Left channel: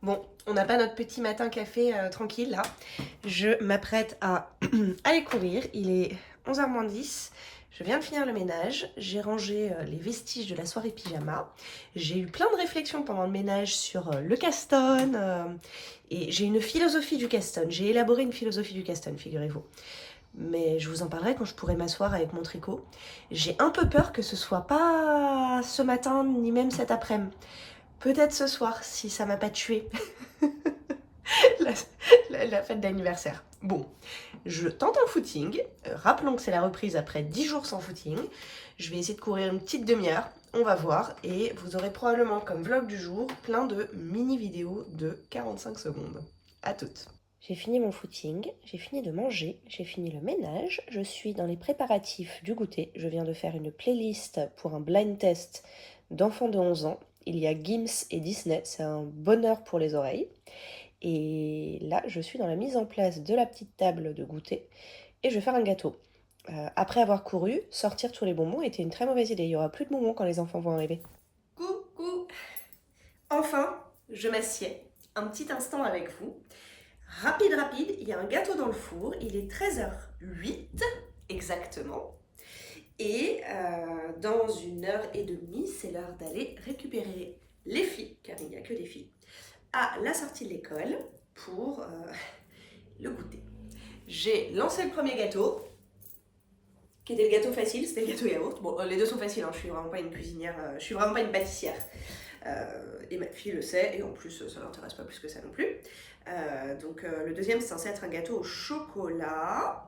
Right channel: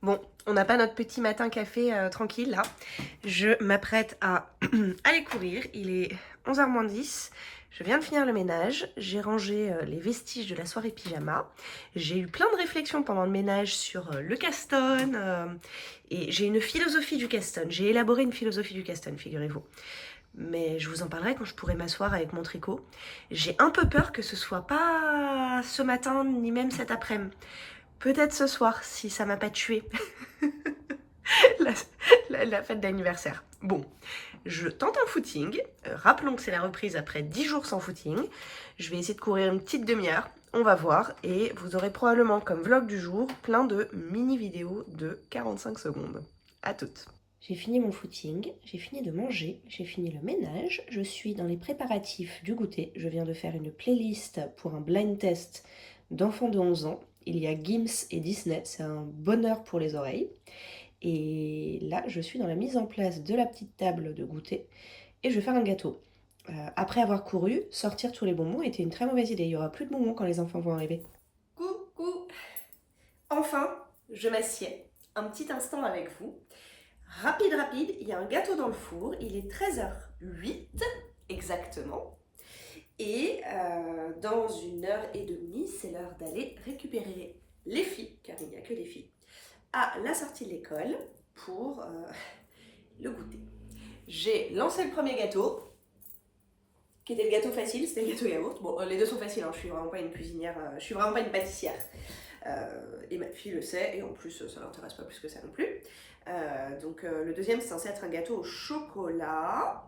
Bon, on n'a pas notre petit matin café tranquille là. Je m'apprête à aller courir. Il est 11h moins 10. Je viens de finir le ménage. J'ai rangé les vestiges de la soirée pyjama. J'ai eu plein de réflexions pendant le ménage sur le Caston. Et j'ai une philosophie du Caston. J'ai élaboré une philosophie du Caston, figurez-vous. Mais je vous en parlerai quand je pourrai m'asseoir avec mon tricot. J'ai un peu peur que ce soit pas ce matin ni même cet après-midi. Peut-être ce soir, si ça m'a pas tué. la, la fête d'anniversaire. Bon, je tente un footing. Rappelons que c'est la reprise après 10 jours sans footing. Je vais essayer de courir une petite demi-heure. On va voir. Et vous aurez probablement comme vlog du jour plein de mini-vidéos de 45 secondes. À toutes. J'ai fini mon footing, j'ai fini de manger, j'ai fini le ménage. Je suis dans les préparatifs du goûter. Je viens de faire une playlist pour un blind test d'enfants de 11 ans. Il y a Gims et Disney, c'est un bonheur pour les oreilles. Et là, je suis dans la mise en place de la petite table de goûter et je vais faire un gâteau. Après avoir couru, sortir tous les bonbons était une très mauvaise idée. Il n'y aura plus de bonbons quand les enfants vont arriver. Coucou! Enfin, je m'assieds un petit instant avec vous. Rapide, il y a un gâteau dans le four. Il est 13h08 exactement. Et dans 1h30, c'est l'heure d'aller récupérer les filles, car il n'y a que des filles, à la sortie de l'école pour le goûter. J'ai lancé le premier gâteau, qui était le gâteau facile, c'était le gâteau yaourt. Bon, les deux sont faciles, hein, je suis vraiment pas une cuisinière, je suis vraiment pas une pâtissière. Et ma fille le sait, et en plus ça l'intéresse pas plus que ça non plus. Donc le deuxième c'est censé être un gâteau au chocolat.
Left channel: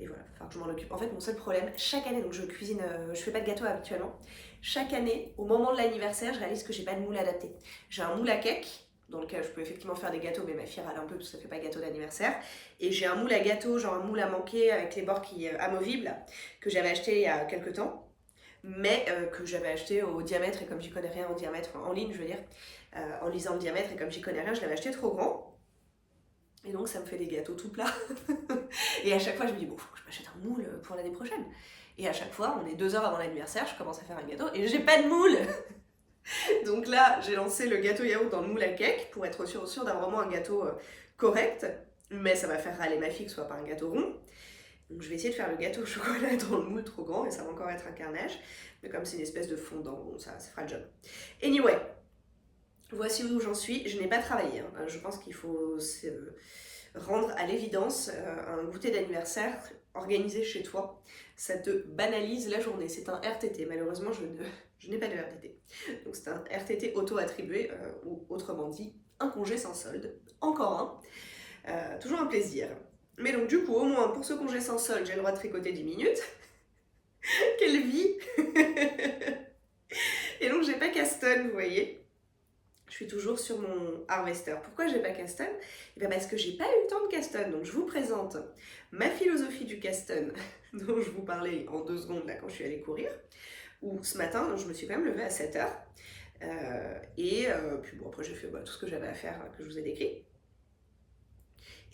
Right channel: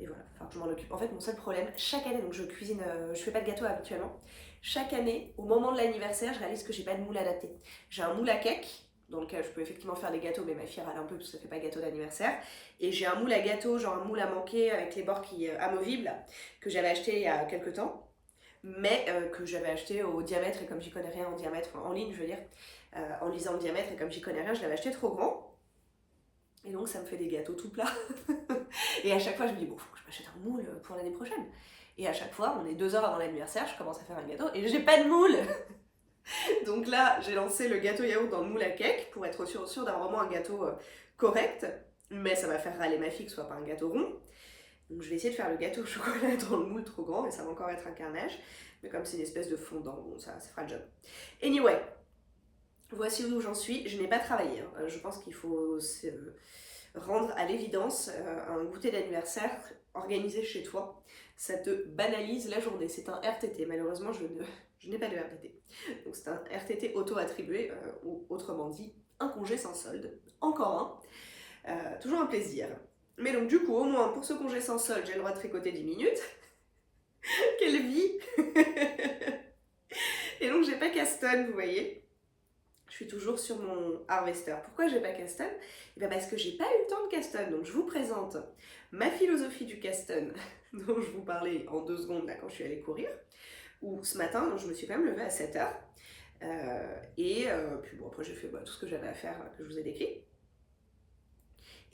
Et voilà, enfin je m'en occupe. En fait mon seul problème, chaque année, donc je cuisine, je fais pas de gâteau habituellement. Chaque année, au moment de l'anniversaire, je réalise que j'ai pas de moule adapté. J'ai un moule à cake, dans lequel je peux effectivement faire des gâteaux, mais ma fille râle un peu parce que ça fait pas gâteau d'anniversaire. Et j'ai un moule à gâteau, genre un moule à manquer avec les bords qui amovibles, que j'avais acheté il y a quelques temps, mais que j'avais acheté au diamètre, et comme j'y connais rien en diamètre, enfin, en ligne je veux dire, en lisant le diamètre, et comme j'y connais rien, je l'avais acheté trop grand. Et donc ça me fait des gâteaux tout plats. Et à chaque fois je me dis, bon, faut que je m'achète un moule pour l'année prochaine. Et à chaque fois, on est 2 heures avant l'anniversaire, je commence à faire un gâteau et j'ai pas de moule. Donc là, j'ai lancé le gâteau yaourt dans le moule à cake pour être sûr d'avoir vraiment un gâteau correct. Mais ça va faire râler ma fille que ce soit pas un gâteau rond. Donc je vais essayer de faire le gâteau au chocolat dans le moule trop grand et ça va encore être un carnage. Mais comme c'est une espèce de fondant, bon, ça fera le job. Anyway, voici où j'en suis. Je n'ai pas travaillé, hein. Je pense qu'il faut rendre à l'évidence un goûter d'anniversaire organisé chez toi. Ça te banalise la journée. C'est un RTT. Malheureusement, je n'ai pas de RTT. Donc c'est un RTT auto-attribué, ou autrement dit, un congé sans solde. Encore un. Toujours un plaisir. Mais donc du coup, au moins pour ce congé sans solde, j'ai le droit de tricoter 10 minutes. Quelle vie. Et donc j'ai pas Caston, vous voyez. Je suis toujours sur mon harvester. Pourquoi j'ai pas Caston? Et bien parce que j'ai pas eu le temps de Caston. Donc je vous présente ma philosophie du Caston dont je vous parlais en 2 secondes là quand je suis allée courir. Ou ce matin, je me suis quand même levée à 7h. Puis bon, après j'ai fait tout ce que j'avais à faire que je vous ai décrit.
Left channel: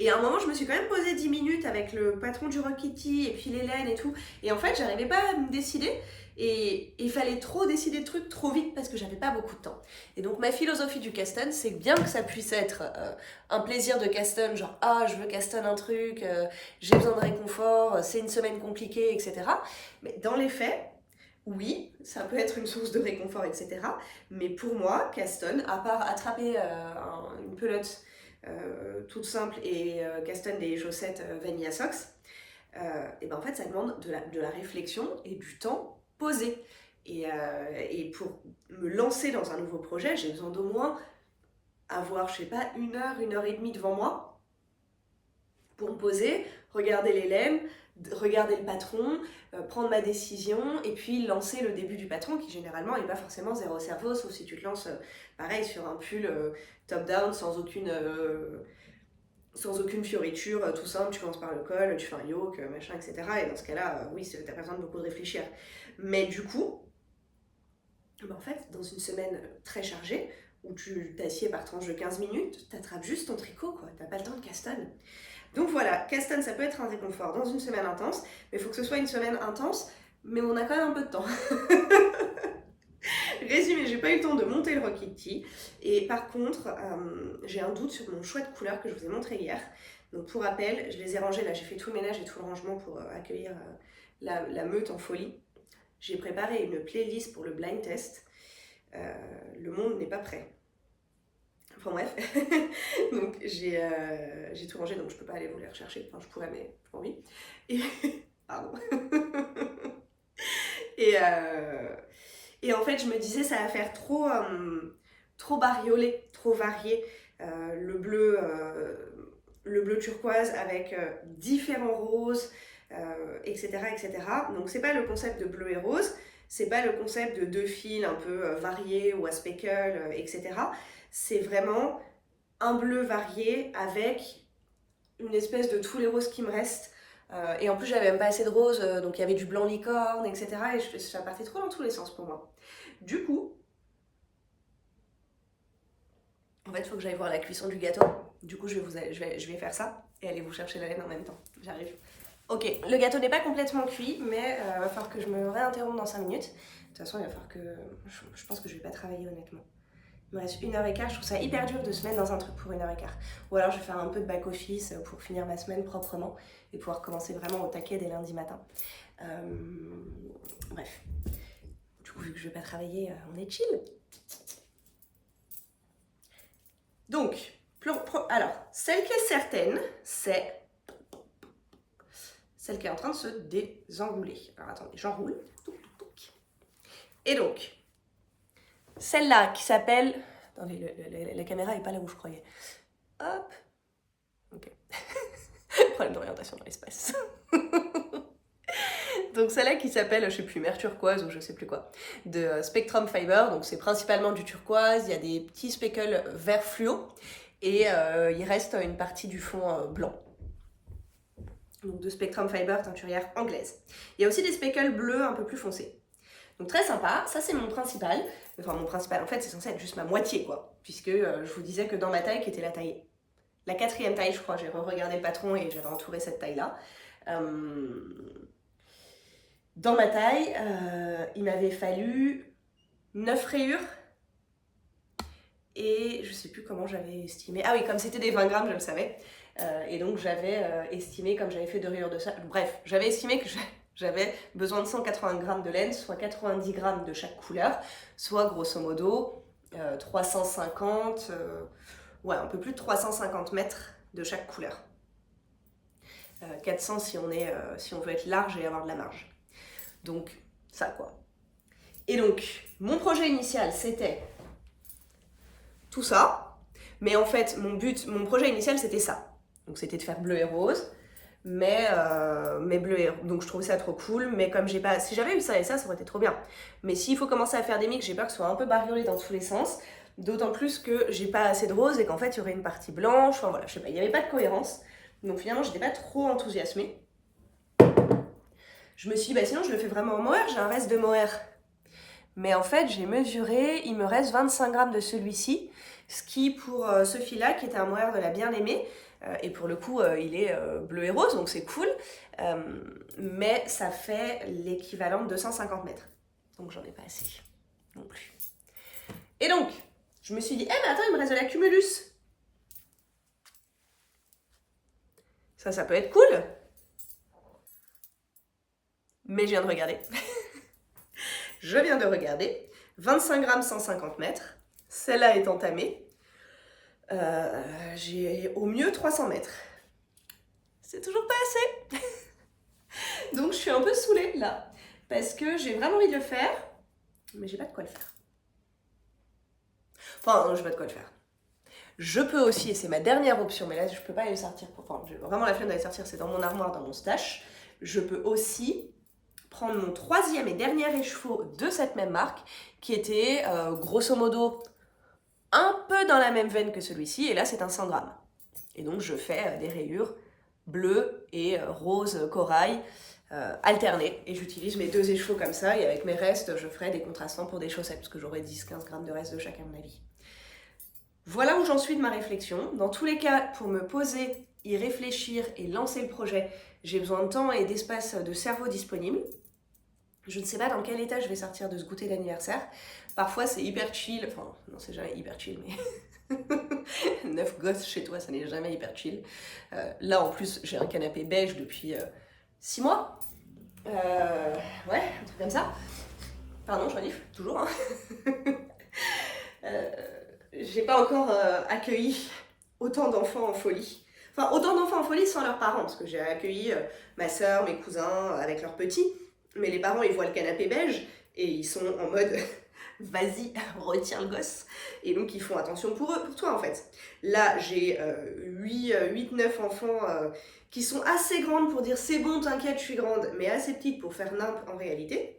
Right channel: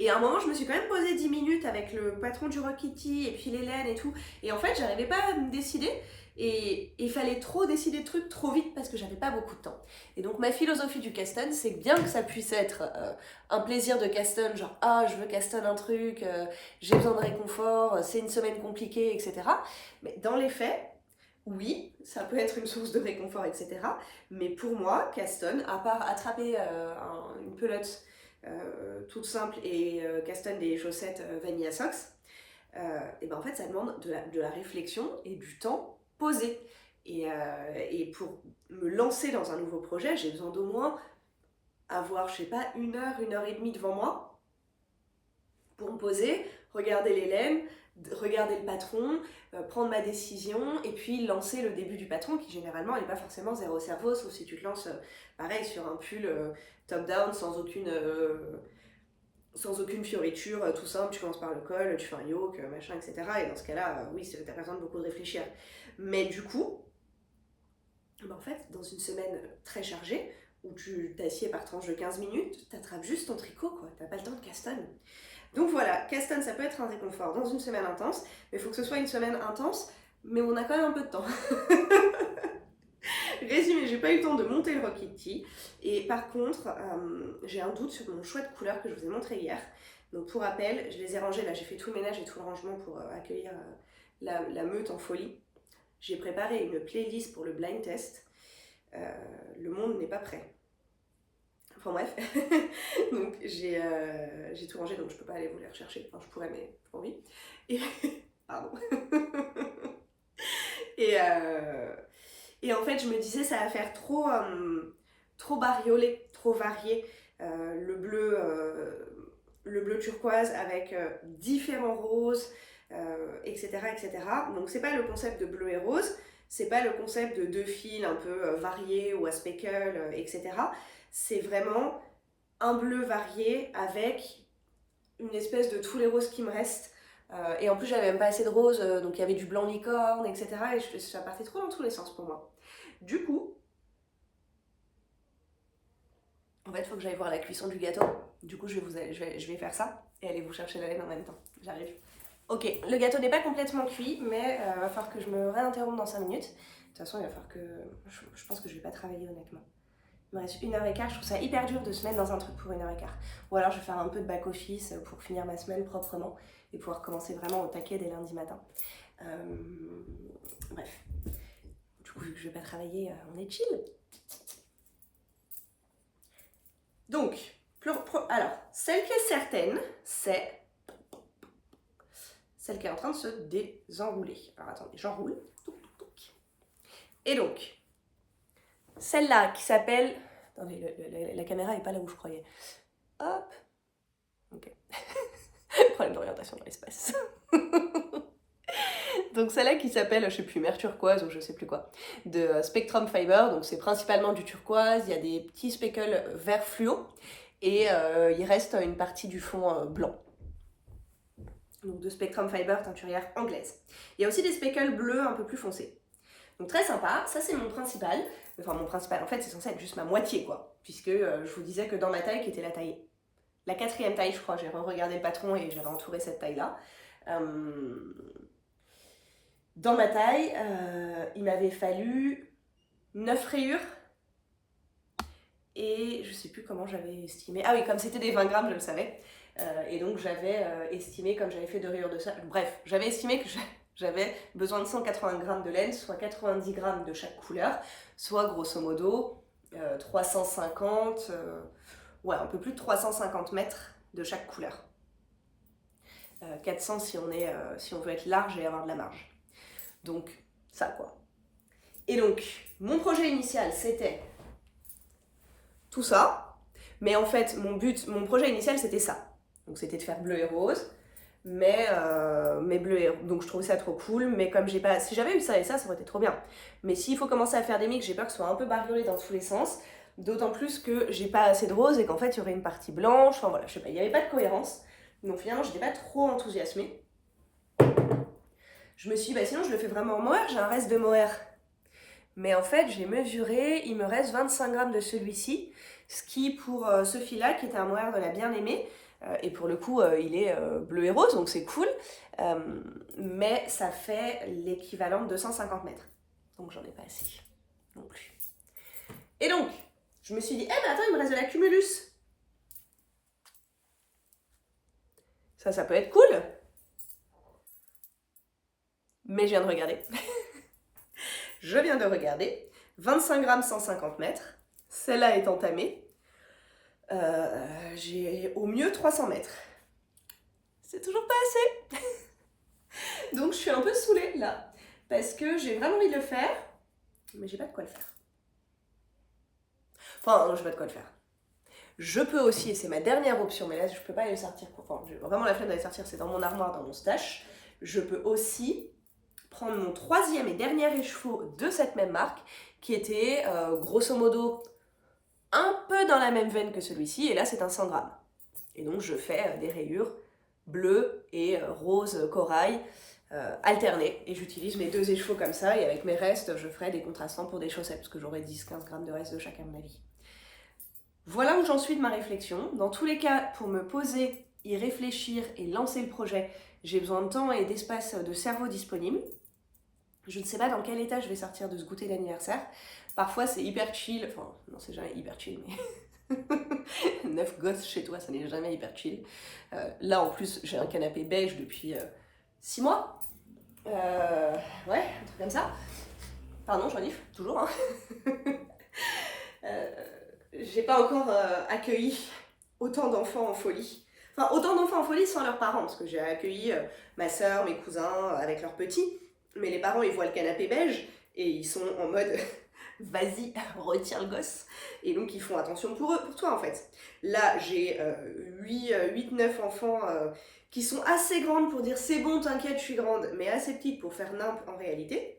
Et à un moment, je me suis quand même posé 10 minutes avec le patron du Rock Kitty et puis l'Hélène et tout. Et en fait, j'arrivais pas à me décider. Et il fallait trop décider de trucs trop vite parce que j'avais pas beaucoup de temps. Et donc ma philosophie du Caston, c'est que bien que ça puisse être un plaisir de Caston, genre ah je veux Caston un truc, j'ai besoin de réconfort, c'est une semaine compliquée, etc. Mais dans les faits, oui, ça peut être une source de réconfort, etc. Mais pour moi, Caston, à part attraper une pelote toute simple et Caston des chaussettes Vanilla Socks, et ben en fait ça demande de la réflexion et du temps posé. Et pour me lancer dans un nouveau projet, j'ai besoin d'au moins avoir, je sais pas, 1 heure et demie devant moi pour me poser, regarder les laines, regarder le patron, prendre ma décision et puis lancer le début du patron qui généralement n'est pas forcément zéro cerveau, sauf si tu te lances pareil sur un pull top-down sans aucune fioriture, tout simple, tu commences par le col, tu fais un yoke, machin, etc. Et dans ce cas-là, oui, t'as pas besoin de beaucoup de réfléchir. Mais du coup, en fait, dans une semaine très chargée, où tu t'assieds par tranche de 15 minutes, t'attrapes juste ton tricot, quoi. T'as pas le temps de Caston. Donc voilà, Caston, ça peut être un réconfort dans une semaine intense, mais il faut que ce soit une semaine intense, mais on a quand même un peu de temps. Résumé, j'ai pas eu le temps de monter le Rocket Tea. Et par contre, j'ai un doute sur mon choix de couleur que je vous ai montré hier. Donc pour rappel, je les ai rangés là, j'ai fait tout le ménage et tout le rangement pour accueillir la meute en folie. J'ai préparé une playlist pour le blind test. Le monde n'est pas prêt. Enfin bref, donc j'ai tout rangé, donc je peux pas aller vous les rechercher. Enfin je pourrais, mais j'ai pas envie. Et... Pardon. Et en fait, je me disais, ça va faire trop bariolé, trop varié. Le bleu turquoise avec différents roses, etc., etc. Donc, c'est pas le concept de bleu et rose, c'est pas le concept de deux fils un peu variés ou à speckle, etc. C'est vraiment un bleu varié avec une espèce de tous les roses qui me restent. Et en plus, j'avais même pas assez de roses, donc il y avait du blanc licorne, etc. Et ça partait trop dans tous les sens pour moi. Du coup, en fait, il faut que j'aille voir la cuisson du gâteau. Du coup, je vais faire ça et aller vous chercher la laine en même temps. J'arrive. Ok, le gâteau n'est pas complètement cuit, mais il va falloir que je me réinterrompe dans 5 minutes. De toute façon, il va falloir que... Je pense que je vais pas travailler honnêtement. Il me reste 1h15, je trouve ça hyper dur de se mettre dans un truc pour 1h15. Ou alors je vais faire un peu de back-office pour finir ma semaine proprement et pouvoir commencer vraiment au taquet dès lundi matin. Bref. Du coup, vu que je vais pas travailler, on est chill. Donc, alors, celle qui est certaine, c'est celle qui est en train de se désenrouler. Alors attendez, j'enroule. Et donc, celle-là qui s'appelle... Attendez, la caméra n'est pas là où je croyais. Hop. Ok. Problème d'orientation dans l'espace. Donc celle-là qui s'appelle, je sais plus, mer turquoise ou je sais plus quoi, de Spectrum Fiber. Donc c'est principalement du turquoise, il y a des petits speckles vert fluo et il reste une partie du fond blanc. Donc de Spectrum Fiber teinturière anglaise. Il y a aussi des speckles bleus un peu plus foncés. Donc très sympa, ça c'est mon principal. Enfin mon principal, en fait c'est censé être juste ma moitié quoi. Puisque je vous disais que dans ma taille qui était la 4e taille je crois, j'ai re-regardé le patron et j'avais entouré cette taille là. Dans ma taille, il m'avait fallu 9 rayures. Et je sais plus comment j'avais estimé. Ah oui, comme c'était des 20 grammes, je le savais. Et donc j'avais estimé, comme j'avais fait 2 rayures de ça. Bref, j'avais estimé que j'avais besoin de 180 grammes de laine, soit 90 grammes de chaque couleur, soit grosso modo 350, ouais, un peu plus de 350 mètres de chaque couleur. 400 si on veut être large et avoir de la marge. Donc, ça quoi. Et donc, mon projet initial, c'était tout ça. Mais en fait, mon projet initial, c'était ça. Donc, c'était de faire bleu et rose. Mais bleu et rose. Donc, je trouvais ça trop cool. Mais comme j'ai pas... Si j'avais eu ça et ça aurait été trop bien. Mais s'il faut commencer à faire des mix, j'ai peur que ce soit un peu bariolé dans tous les sens. D'autant plus que j'ai pas assez de rose et qu'en fait, il y aurait une partie blanche. Enfin, voilà, je sais pas. Il n'y avait pas de cohérence. Donc, finalement, j'étais pas trop enthousiasmée. Je me suis dit, bah sinon je le fais vraiment en mohair, j'ai un reste de mohair. Mais en fait, j'ai mesuré, il me reste 25 grammes de celui-ci, ce qui pour ce fil-là, qui était un mohair de la bien-aimée, et pour le coup, il est bleu et rose, donc c'est cool, mais ça fait l'équivalent de 250 mètres. Donc j'en ai pas assez non plus. Et donc, je me suis dit, mais attends, il me reste de la cumulus. Ça peut être cool. Mais je viens de regarder. Je viens de regarder. 25 grammes, 150 mètres. Celle-là est entamée. J'ai au mieux 300 mètres. C'est toujours pas assez. Donc je suis un peu saoulée là. Parce que j'ai vraiment envie de le faire. Mais j'ai pas de quoi le faire. Enfin, j'ai pas de quoi le faire. Je peux aussi, et c'est ma dernière option, mais là je peux pas aller le sortir. Enfin, j'ai vraiment la flemme d'aller sortir, c'est dans mon armoire, dans mon stash. Je peux aussi prendre mon 3e et dernier écheveau de cette même marque, qui était grosso modo un peu dans la même veine que celui-ci, et là c'est un 100 grammes. Et donc je fais des rayures bleues et rose corail alternées, et j'utilise mes 2 écheveaux comme ça, et avec mes restes je ferai des contrastants pour des chaussettes, parce que j'aurai 10-15 grammes de reste de chaque à mon avis. Voilà où j'en suis de ma réflexion. Dans tous les cas, pour me poser, y réfléchir et lancer le projet, j'ai besoin de temps et d'espace de cerveau disponible. Je ne sais pas dans quel état je vais sortir de ce goûter d'anniversaire. Parfois c'est hyper chill, enfin non c'est jamais hyper chill mais 9 gosses chez toi ça n'est jamais hyper chill. Là en plus j'ai un canapé beige depuis 6 mois. Ouais, un truc comme ça. Pardon, Joanif, toujours. Hein. J'ai pas encore accueilli autant d'enfants en folie. Enfin, autant d'enfants en folie sans leurs parents, parce que j'ai accueilli ma soeur, mes cousins avec leurs petits. Mais les parents, ils voient le canapé beige et ils sont en mode vas-y, retiens le gosse. Et donc, ils font attention pour eux, pour toi en fait. Là, j'ai 8-9 enfants qui sont assez grandes pour dire c'est bon, t'inquiète, je suis grande, mais assez petites pour faire nimp en réalité.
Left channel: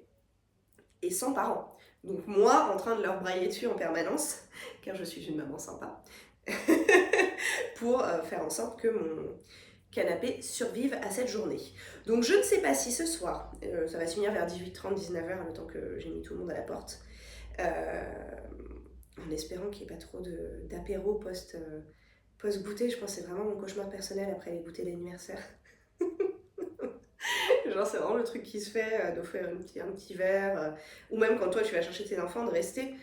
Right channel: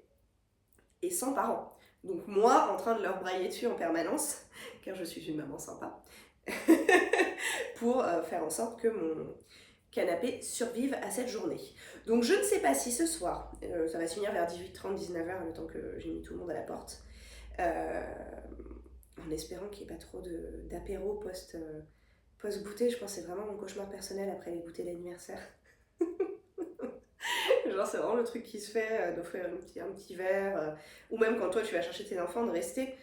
Et sans parents. Donc moi, en train de leur brailler dessus en permanence, car je suis une maman sympa, pour faire en sorte que mon canapé survive à cette journée. Donc je ne sais pas si ce soir, ça va se finir vers 18h30, 19h, le temps que j'ai mis tout le monde à la porte, en espérant qu'il n'y ait pas trop d'apéro post-goûter. Je pense que c'est vraiment mon cauchemar personnel après les goûters d'anniversaire. Genre c'est vraiment le truc qui se fait d'offrir un petit verre, ou même quand toi tu vas chercher tes enfants de rester.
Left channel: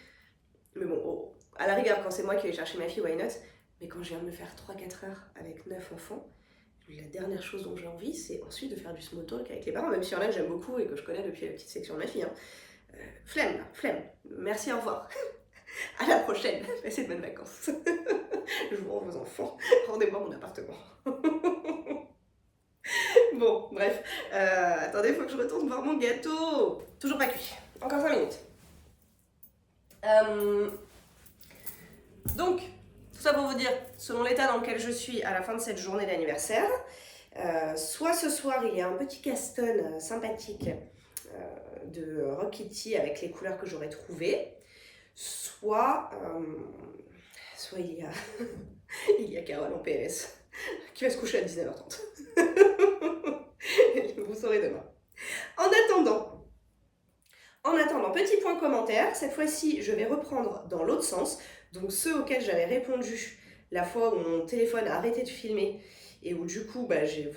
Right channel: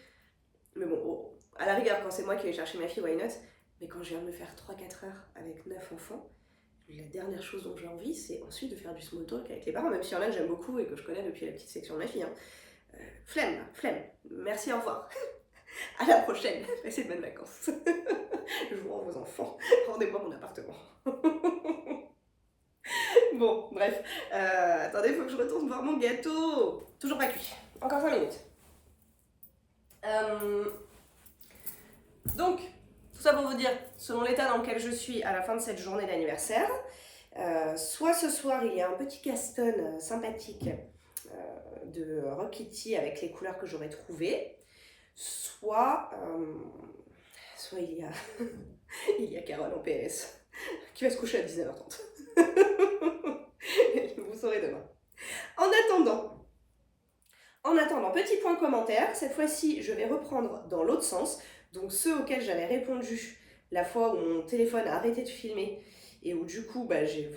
Mais bon, à la rigueur quand c'est moi qui vais chercher ma fille, why not? Mais quand je viens de me faire 3-4 heures avec 9 enfants, la dernière chose dont j'ai envie c'est ensuite de faire du small talk avec les parents, même s'il y en a que j'aime beaucoup et que je connais depuis la petite section de ma fille. Hein. Flemme là, flemme. Merci, au revoir. À la prochaine, passez de bonnes vacances. Je vous rends vos enfants, rendez-moi mon appartement. Bon, bref. Attendez, il faut que je retourne voir mon gâteau. Toujours pas cuit. Encore 5 minutes. Donc, tout ça pour vous dire, selon l'état dans lequel je suis à la fin de cette journée d'anniversaire, soit ce soir, il y a un petit caston sympathique de Rock Kitty avec les couleurs que j'aurais trouvées, soit il y a, il y a Carole en PS qui va se coucher à 19h30. Vous saurez demain. En attendant, petit point commentaire, cette fois-ci je vais reprendre dans l'autre sens, donc ceux auxquels j'avais répondu la fois où mon téléphone a arrêté de filmer et où du coup j'ai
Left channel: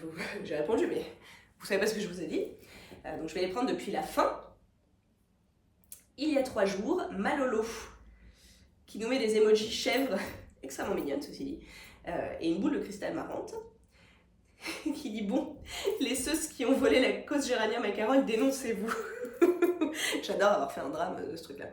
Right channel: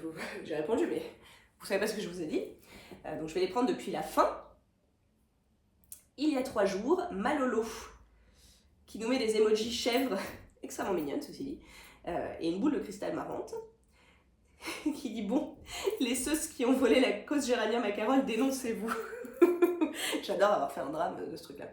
répondu mais vous savez pas ce que je vous ai dit, donc je vais les prendre depuis la fin. Il y a 3 jours, Malolo, qui nous met des emojis chèvres, extrêmement mignonnes ceci dit, et une boule de cristal marrante, qui dit bon, les sauces qui ont volé la cause géranium à Carole, dénoncez-vous. J'adore avoir fait un drame de ce truc-là.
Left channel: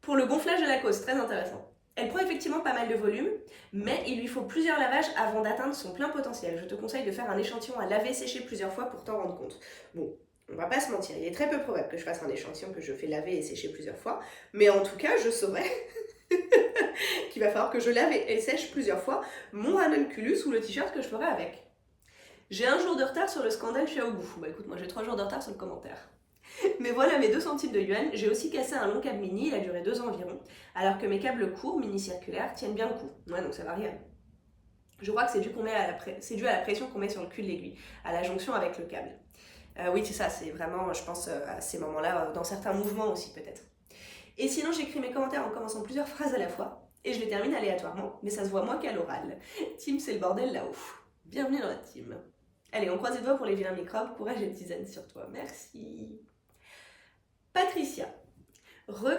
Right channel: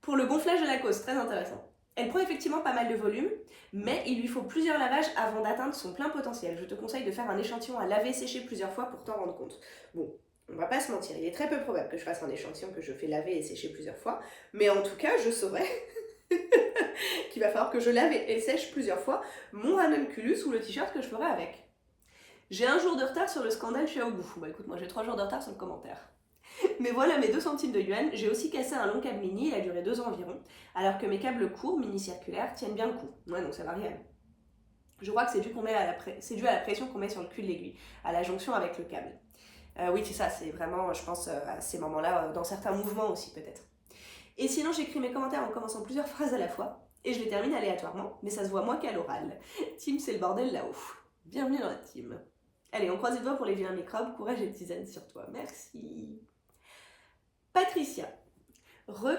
Pour le gonflage de la cause, très intéressant. Elle prend effectivement pas mal de volume, mais il lui faut plusieurs lavages avant d'atteindre son plein potentiel. Je te conseille de faire un échantillon à laver sécher plusieurs fois pour t'en rendre compte. Bon, on va pas se mentir, il est très peu probable que je fasse un échantillon que je fais laver et sécher plusieurs fois, mais en tout cas, je saurais qu'il va falloir que je lave et sèche plusieurs fois mon ranunculus ou le t-shirt que je ferai avec. J'ai un jour de retard sur le scandale Xiaobu. Bah écoute, moi j'ai 3 jours de retard sur le commentaire. Mais voilà mes 2 centimes de yuan, j'ai aussi cassé un long câble mini, il a duré 2 ans environ, alors que mes câbles courts, mini-circulaires, tiennent bien le coup. Ouais, donc ça variable. Je crois que c'est dû à la pression qu'on met sur le cul de l'aiguille, à la jonction avec le câble. Oui, c'est ça, c'est vraiment, je pense, à ces moments-là, dans certains mouvements aussi peut-être. Et sinon, j'écris mes commentaires en commençant plusieurs phrases à la fois, et je les termine aléatoirement, mais ça se voit moins qu'à l'oral. Team, c'est le bordel là-haut. Bienvenue dans la team. Allez, on croise les doigts pour les vilains microbes, courage et tisane sur toi. Merci. Patricia.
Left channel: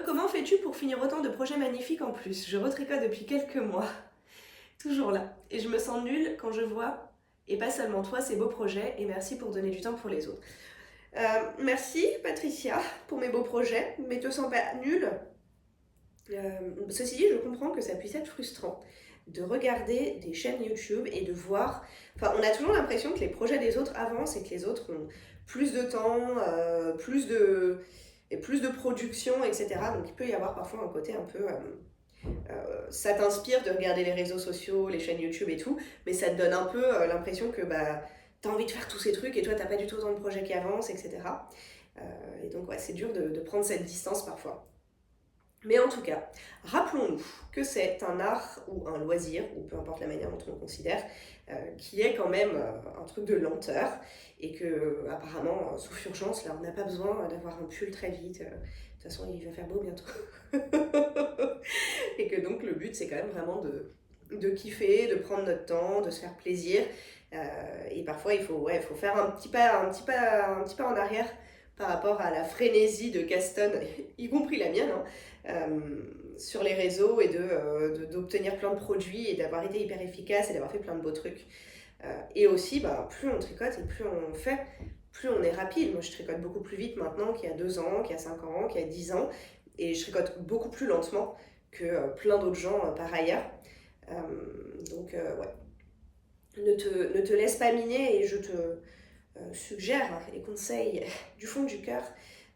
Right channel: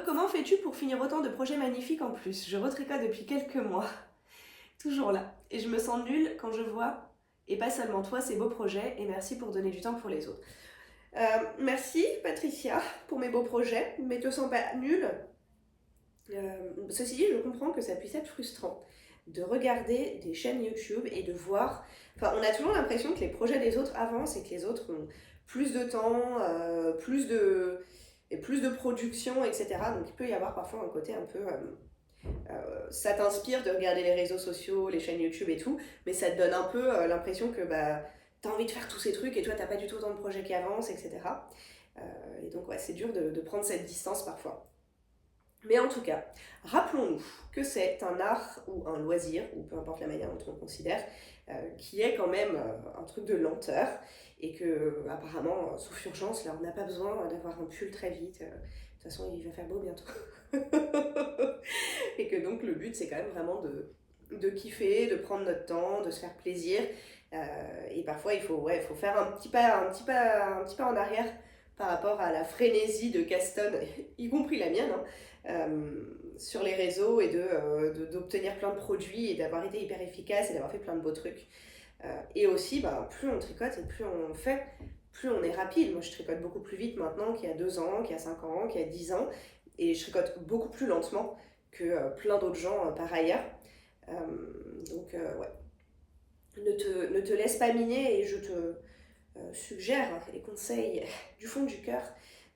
Comment fais-tu pour finir autant de projets magnifiques en plus? Je retricote depuis quelques mois. Toujours là. Et je me sens nulle quand je vois, et pas seulement toi, ces beaux projets, et merci pour donner du temps pour les autres. Merci Patricia pour mes beaux projets, mais te sens pas nulle. Ceci dit, je comprends que ça puisse être frustrant de regarder des chaînes YouTube et de voir... Enfin, on a toujours l'impression que les projets des autres avancent et que les autres ont plus de temps, plus de production, etc. Donc il peut y avoir parfois un côté un peu... ça t'inspire de regarder les réseaux sociaux, les chaînes YouTube et tout, mais ça te donne un peu l'impression que t'as envie de faire tous ces trucs et toi t'as pas du tout autant de projets qui avancent, etc. Et donc ouais, c'est dur de prendre cette distance parfois. Mais en tout cas, rappelons-nous que c'est un art ou un loisir, ou peu importe la manière dont on le considère, qui est quand même un truc de lenteur, et que apparemment, sauf urgence, là on n'a pas besoin d'avoir un pull très vite, de toute façon il va faire beau bientôt. Et que donc le but c'est quand même vraiment de kiffer, de prendre notre temps, de se faire plaisir, et parfois il faut faire un petit pas en arrière par rapport à la frénésie de Caston, y compris la mienne, hein, sur les réseaux et d'obtenir plein de produits et d'avoir été hyper efficace et d'avoir fait plein de beaux trucs. Et aussi, bah, plus on tricote et plus on fait, plus on est rapide. Moi, je tricote beaucoup plus vite maintenant qu'il y a 2 ans, qu'il y a 5 ans, qu'il y a 10 ans. Et je tricote beaucoup plus lentement que plein d'autres gens par ailleurs. Donc, ouais. Ne te laisse pas miner et je te suggère et conseille du fond du cœur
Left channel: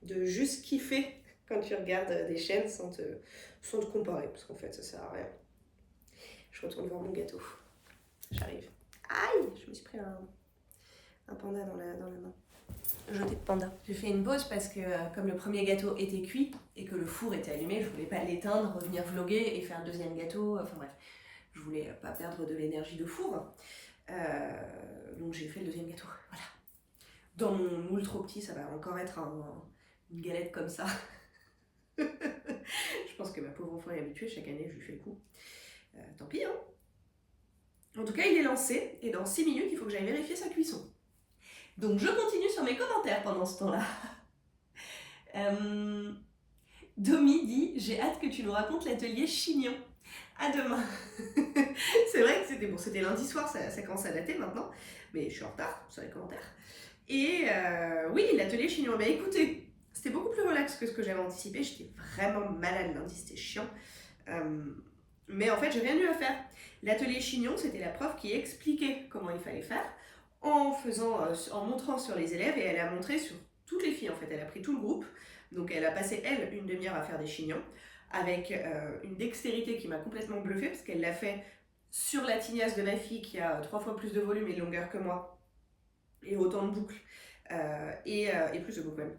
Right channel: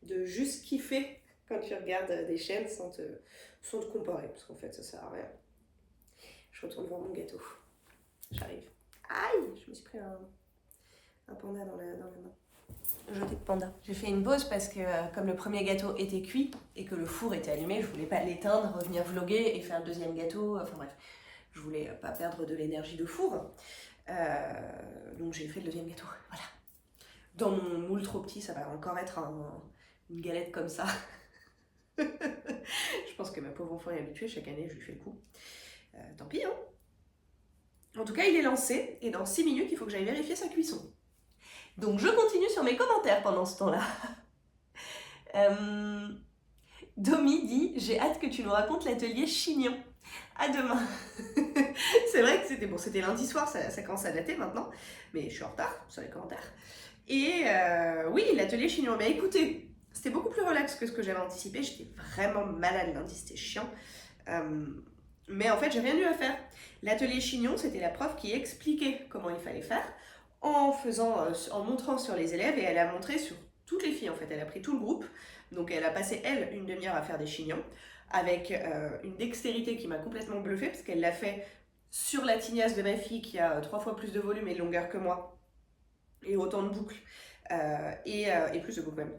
de juste kiffer quand tu regardes des chaînes sans te comparer. Parce qu'en fait, ça sert à rien. Je retourne voir mon gâteau. J'arrive. Aïe, je me suis pris un panda dans la main. Jeté de panda. J'ai fait une pause parce que comme le premier gâteau était cuit et que le four était allumé, je voulais pas l'éteindre, revenir vlogger et faire le deuxième gâteau. Enfin bref, je voulais pas perdre de l'énergie de four. Donc j'ai fait le deuxième gâteau. Voilà. Dans mon moule trop petit, ça va encore être une galette comme ça. Je pense que ma pauvre enfant est habituée, chaque année je lui fais le coup. Tant pis, hein. En tout cas, il est lancé et dans 6 minutes, il faut que j'aille vérifier sa cuisson. Donc, je continue sur mes commentaires pendant ce temps-là. Domi dit « J'ai hâte que tu nous racontes l'atelier chignon. À demain. » C'est vrai que c'était lundi soir, ça commence à dater maintenant, mais je suis en retard sur les commentaires. Et oui, l'atelier chignon. Mais écoutez, c'était beaucoup plus relax que ce que j'avais anticipé. J'étais vraiment malade lundi, c'était chiant. Mais en fait, j'ai rien eu à faire. L'atelier chignon, c'était la prof qui expliquait comment il fallait faire en montrant sur les élèves et elle a montré sur toutes les filles en fait. Elle a pris tout le groupe, donc elle a passé elle une demi-heure à faire des chignons avec une dextérité qui m'a complètement bluffée parce qu'elle l'a fait sur la tignasse de ma fille qui a 3 fois plus de volume et de longueur que moi et autant de boucles et plus de boucles même.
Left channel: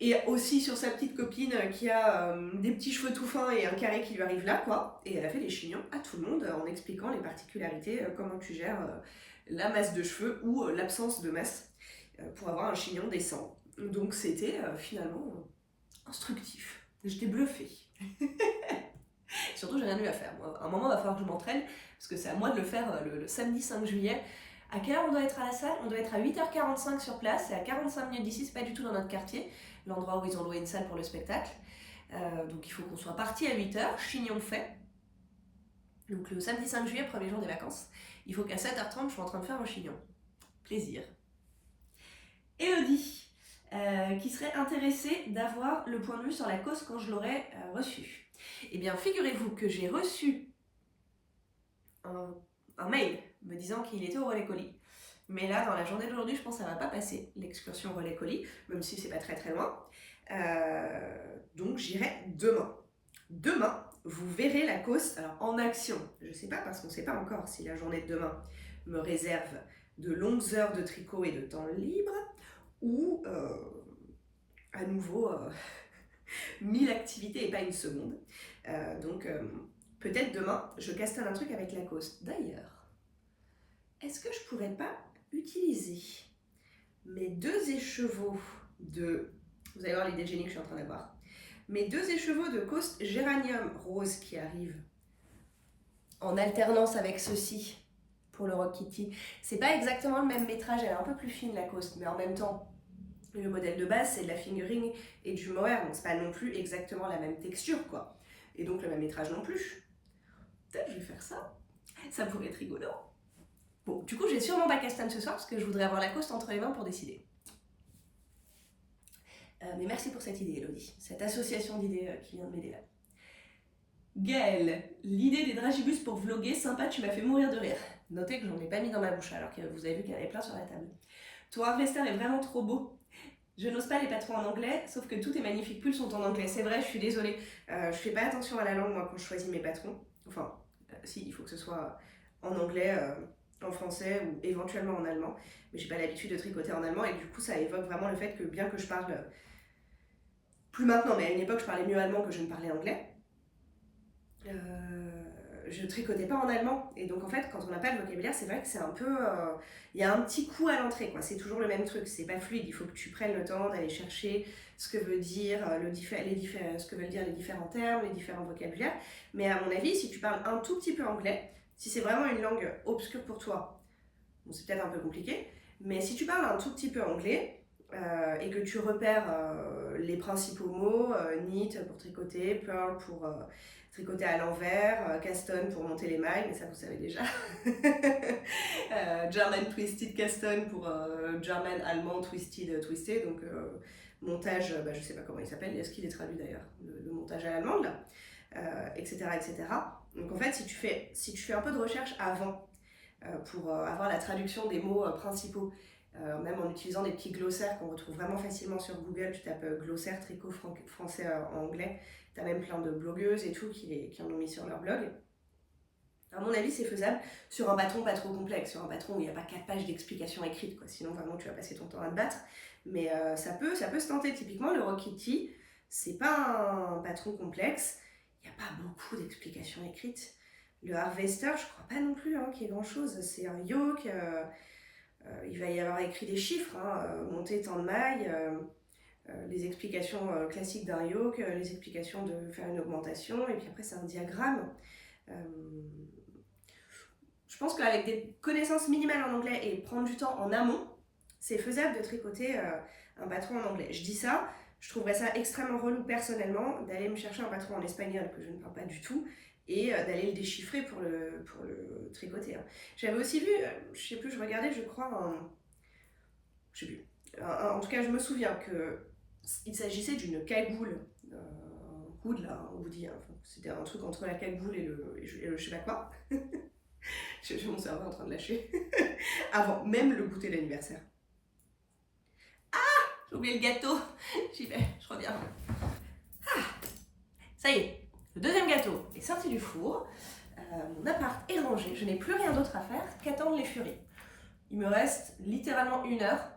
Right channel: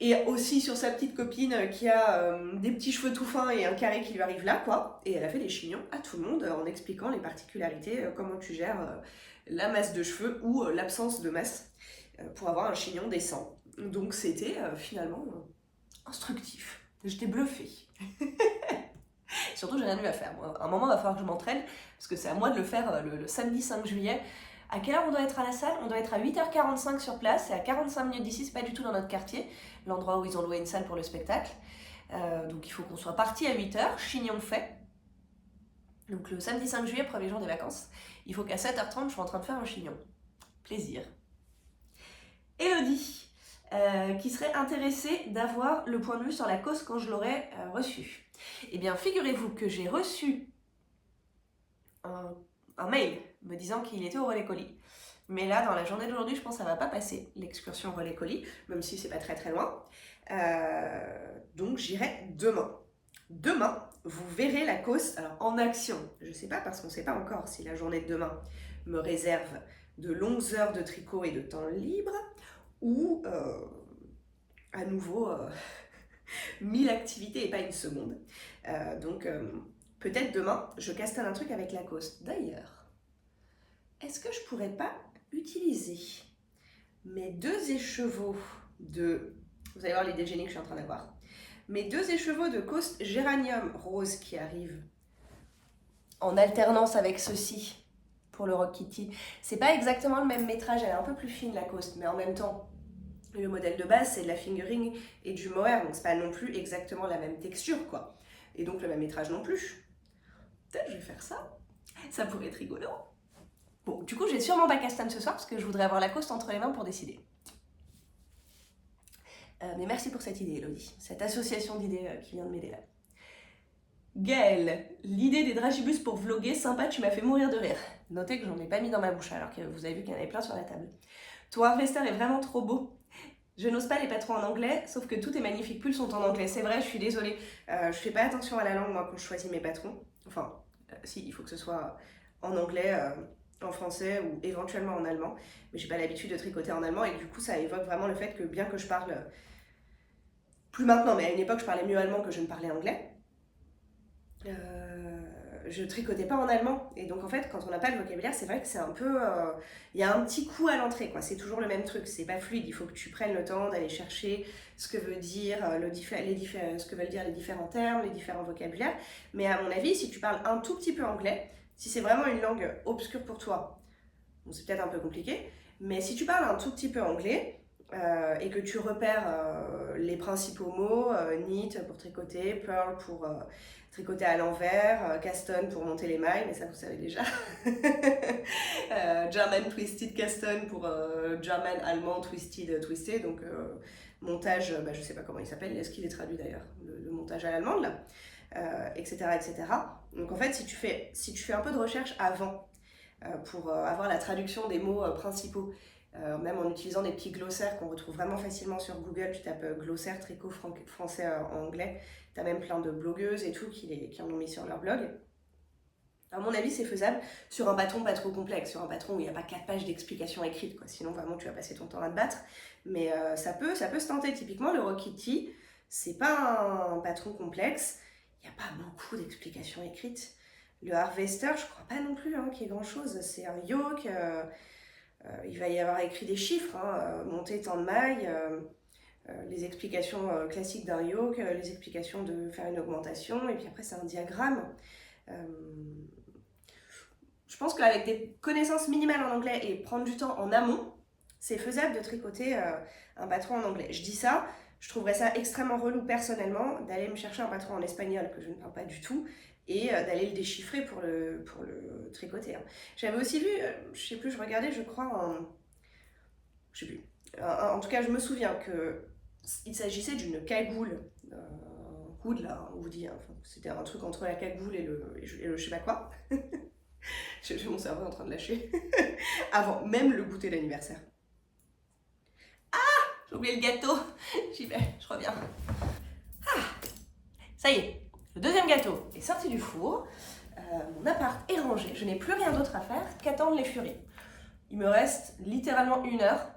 Et aussi sur sa petite copine qui a des petits cheveux tout fins et un carré qui lui arrive là, quoi. Et elle a fait les chignons à tout le monde en expliquant les particularités, comment tu gères la masse de cheveux ou l'absence de masse pour avoir un chignon décent. Donc c'était finalement instructif. J'étais bluffée. Surtout, j'ai rien eu à faire. Moi, à un moment, il va falloir que je m'entraîne parce que c'est à moi de le faire le samedi 5 juillet. À quelle heure on doit être à la salle? On doit être à 8h45 sur place, c'est à 45 minutes d'ici, c'est pas du tout dans notre quartier, l'endroit où ils ont loué une salle pour le spectacle. Donc il faut qu'on soit parti à 8h, chignon fait. Donc le samedi 5 juillet, premier jour des vacances, il faut qu'à 7h30, je sois en train de faire un chignon. Plaisir. Elodie, qui serait intéressée d'avoir le point de vue sur la cause quand je l'aurai reçu. Eh bien, figurez-vous que j'ai reçu un mail me disant qu'il était au relais colis. Mais là, dans la journée d'aujourd'hui, je pense que ça ne va pas passer, l'excursion relais colis, même si c'est pas très très loin. Donc j'irai demain. Demain, vous verrez la cause en action. Je ne sais pas parce qu'on ne sait pas encore si la journée de demain me réserve de longues heures de tricot et de temps libre ou à nouveau 1000 activités et pas une seconde. Donc peut-être demain, je castagne un truc avec Lacoste. D'ailleurs, est-ce que je pourrais pas utiliser mes 2 écheveaux de... Vous allez voir l'idée de génie que je suis en train d'avoir. Mes 2 écheveaux de Coste Géranium rose qui arrivent en alternance avec ceci pour le Rock Kitty. C'est pas exactement le même métrage, elle est un peu plus fine la Coste, mais en même temps, le modèle de base c'est de la fingering et du mohair, donc c'est pas non plus exactement la même texture quoi. Et donc le même métrage non plus. Peut-être je vais faire ça. Ça pourrait être rigolo. Bon, du coup, je vais sûrement pas castagne ce soir parce que je voudrais avoir Lacoste entre les mains pour décider. Mais merci pour cette idée, Elodie. Cette association d'idées qui vient de m'aider là. Gaëlle, l'idée des dragibus pour vlogger, sympa, tu m'as fait mourir de rire. Notez que j'en ai pas mis dans ma bouche alors que vous avez vu qu'il y en avait plein sur la table. Ton harvester est vraiment trop beau. Je n'ose pas les patrons en anglais, sauf que tous tes magnifiques pulls sont en anglais. C'est vrai, je suis désolée. Je fais pas attention à la langue, moi, quand je choisis mes patrons. Enfin, si, il faut que ce soit en anglais, en français ou éventuellement en allemand. Mais j'ai pas l'habitude de tricoter en allemand et du coup, ça évoque vraiment le fait que bien que je parle... plus maintenant, mais à une époque, je parlais mieux allemand que je ne parlais anglais. Je tricotais pas en allemand. Et donc, en fait, quand on n'a pas de vocabulaire, c'est vrai que c'est un peu... Il y a un petit coup à l'entrée, quoi. C'est toujours le même truc. C'est pas fluide. Il faut que tu prennes le temps d'aller chercher ce que veut dire ce que veulent dire les différents termes, les différents vocabulaires. Mais à mon avis, si tu parles un tout petit peu anglais, si c'est vraiment une langue obscure pour toi, bon, c'est peut-être un peu compliqué, mais si tu parles un tout petit peu anglais, et que tu repères les principaux mots, knit pour tricoter, purl pour tricoter à l'envers, caston pour monter les mailles, mais ça vous savez déjà. German twisted caston pour German allemand twisted twisté, donc montage, je sais pas comment il s'appelle, est-ce qu'il est traduit d'ailleurs, le montage à l'allemande là, etc., etc. Donc en fait, si tu fais un peu de recherche avant pour avoir la traduction des mots principaux, même en utilisant des petits glossaires qu'on retrouve vraiment facilement sur Google, tu tapes glossaire tricot français en anglais, tu as même plein de blogueuses et tout qui en ont mis sur leur blog. À mon avis, c'est faisable sur un patron pas trop complexe, sur un patron où il n'y a pas 4 pages d'explications écrites, quoi. Sinon vraiment tu vas passer ton temps à te battre. Mais ça peut se tenter. Typiquement, le Rock Kitty, c'est pas un patron complexe, il n'y a pas beaucoup d'explications écrites. Le Harvester, je crois pas non plus qu'il y ait grand chose. C'est un yoke, il va y avoir écrit des chiffres, monter tant de mailles, les explications classiques d'un yoke, les explications de faire une augmentation, et puis après c'est un diagramme. Je pense qu'avec des connaissances minimales en anglais et prendre du temps en amont, c'est faisable de tricoter un patron en anglais. Je dis ça, je trouverais ça extrêmement relou personnellement d'aller me chercher un patron en espagnol que je ne parle pas du tout et d'aller le déchiffrer pour le tricoter. J'avais aussi vu, je sais plus, je regardais, je crois, je sais plus. En tout cas, je me souviens qu'il s'agissait d'une cagoule, hood là, on vous dit, enfin, c'était un truc entre la cagoule et le je sais pas quoi. J'ai mon cerveau en train de lâcher. Avant même le goûter d'anniversaire. Ah, j'ai oublié le gâteau. J'y vais, je reviens. Ah, ça y est, le deuxième gâteau est sorti du four. Mon appart est rangé. Je n'ai plus rien d'autre à faire qu'attendre les furies. Il me reste littéralement 1 heure.